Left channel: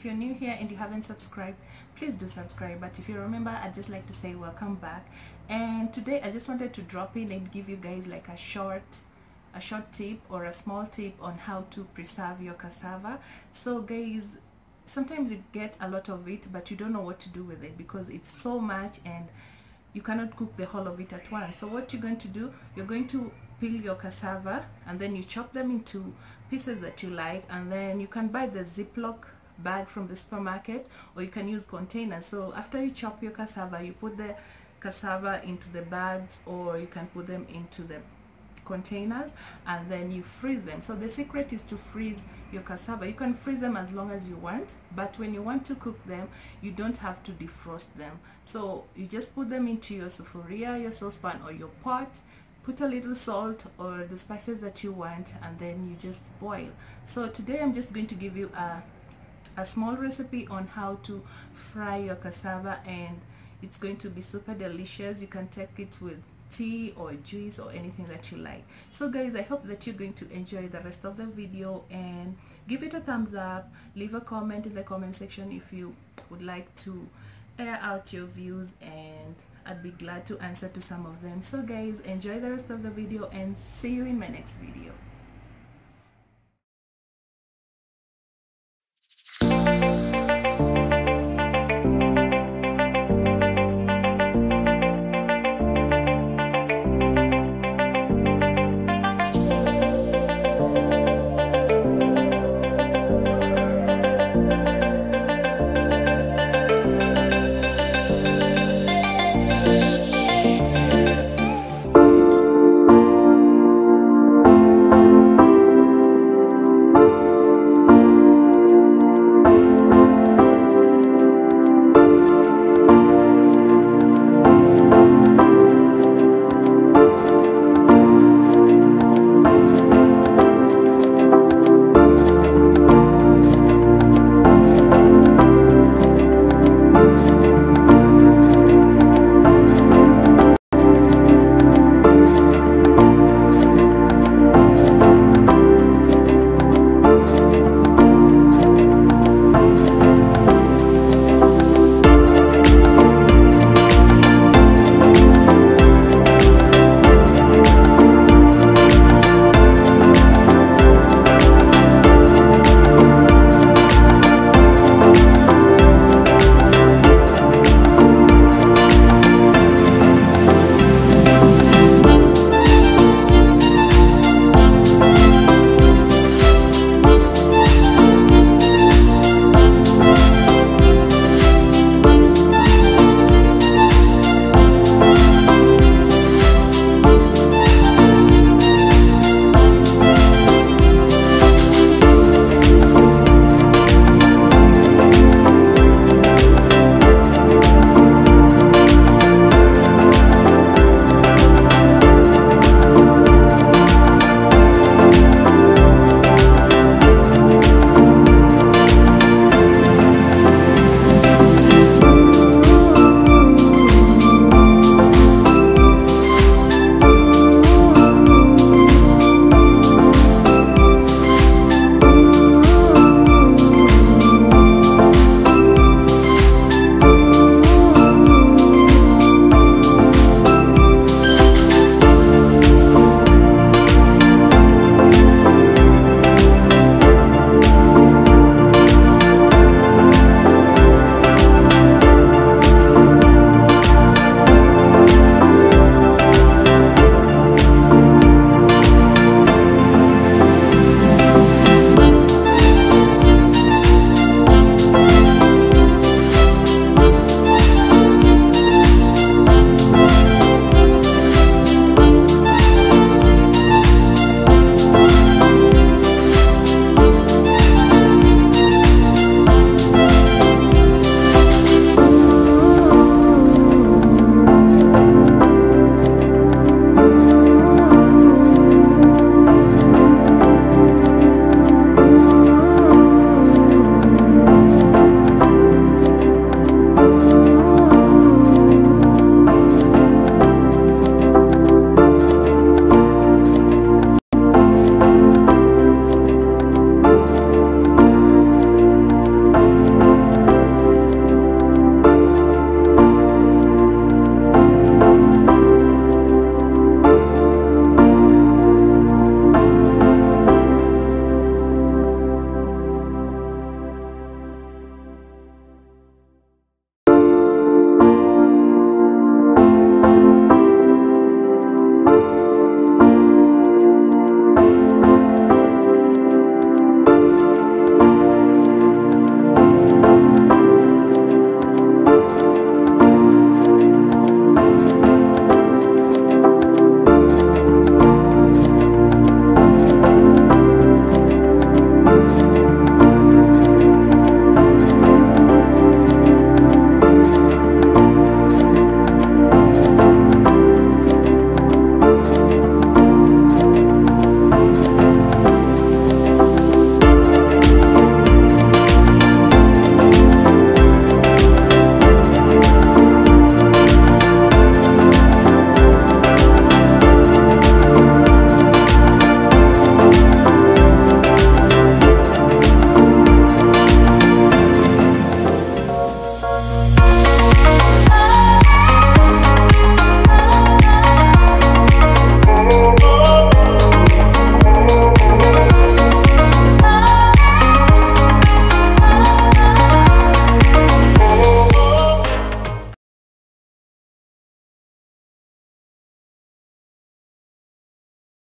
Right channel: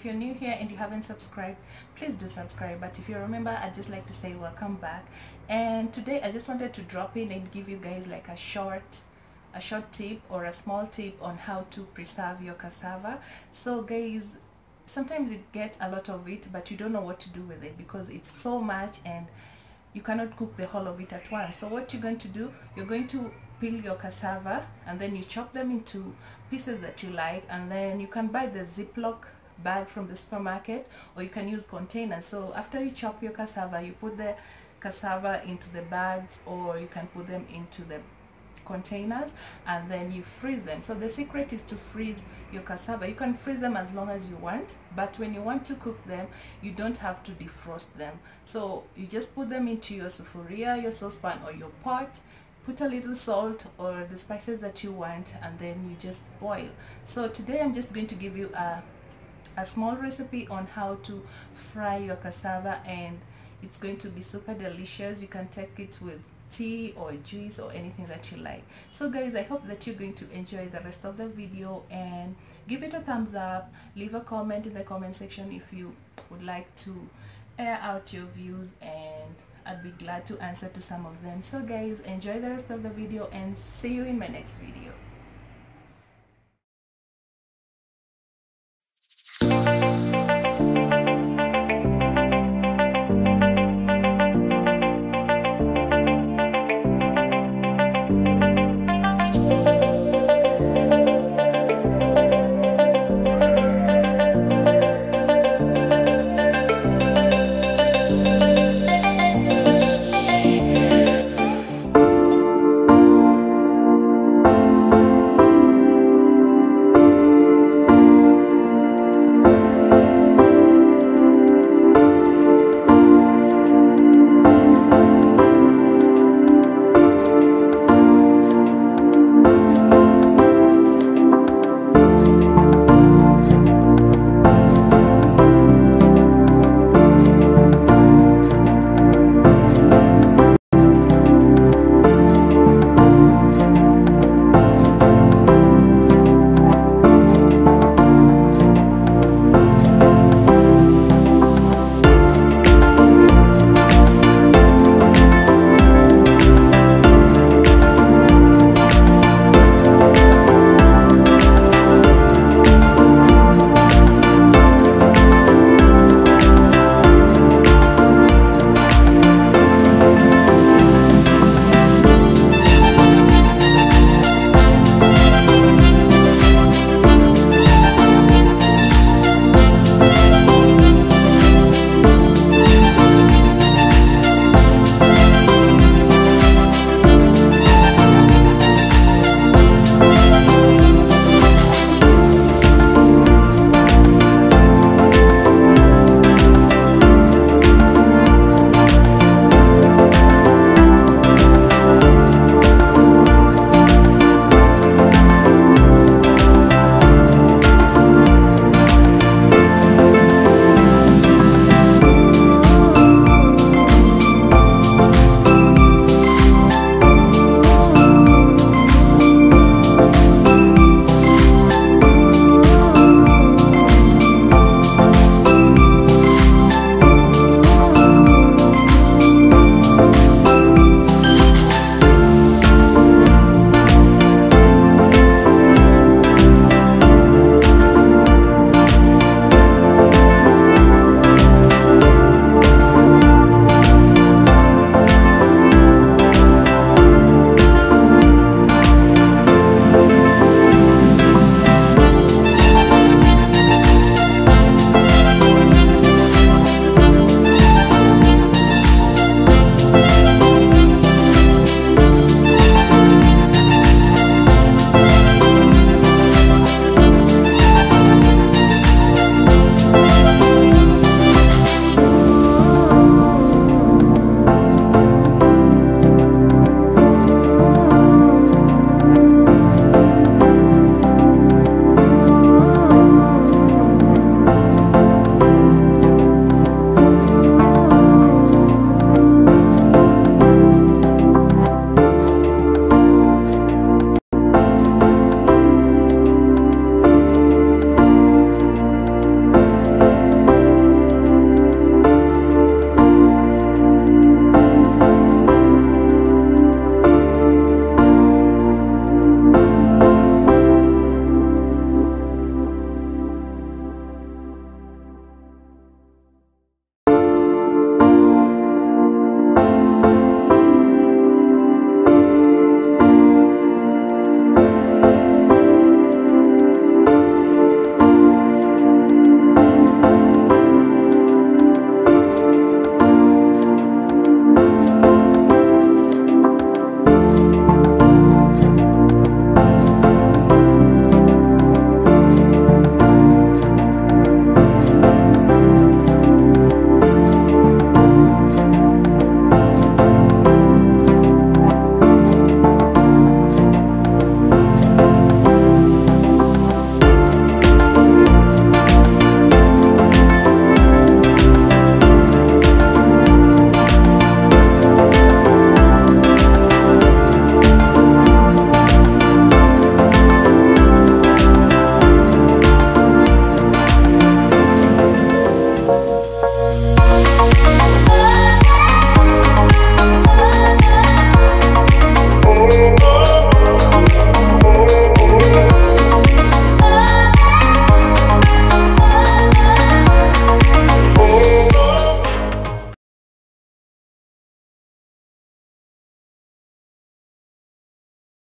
if you're new here and you haven't subscribed, please do subscribe. But if you remember, I'd just like to say welcome back. And today I just wanted to drop in and give you guys like a short tip or a small tip on how to preserve your cassava. So guys, sometimes you get a lot of it but you don't know what to do with it because it's so much and you cannot cook the whole of it at once. So what you're going to do, you're going to peel your cassava and then you chop them into pieces that you like, and then you can buy the Ziploc bag from the supermarket or you can use containers. So after you chop your cassava, you put the cassava into the bags or you can put them into the containers and then you freeze them. So the secret is to freeze your cassava. You can freeze them as long as you want, but when you want to cook them, you don't have to defrost them. So you just put them into your sufuria, your saucepan or your pot, put a little salt or the spices that you want, and then you just boil. So today I'm just going to give you a small recipe on how to fry your cassava, and it's going to be super delicious. You can take it with tea or juice or anything that you like. So guys, I hope that you're going to enjoy the rest of the video, and give it a thumbs up, leave a comment in the comment section if you would like to air out your views, and I'd be glad to answer to some of them. So guys, enjoy the rest of the video and see you in my next video.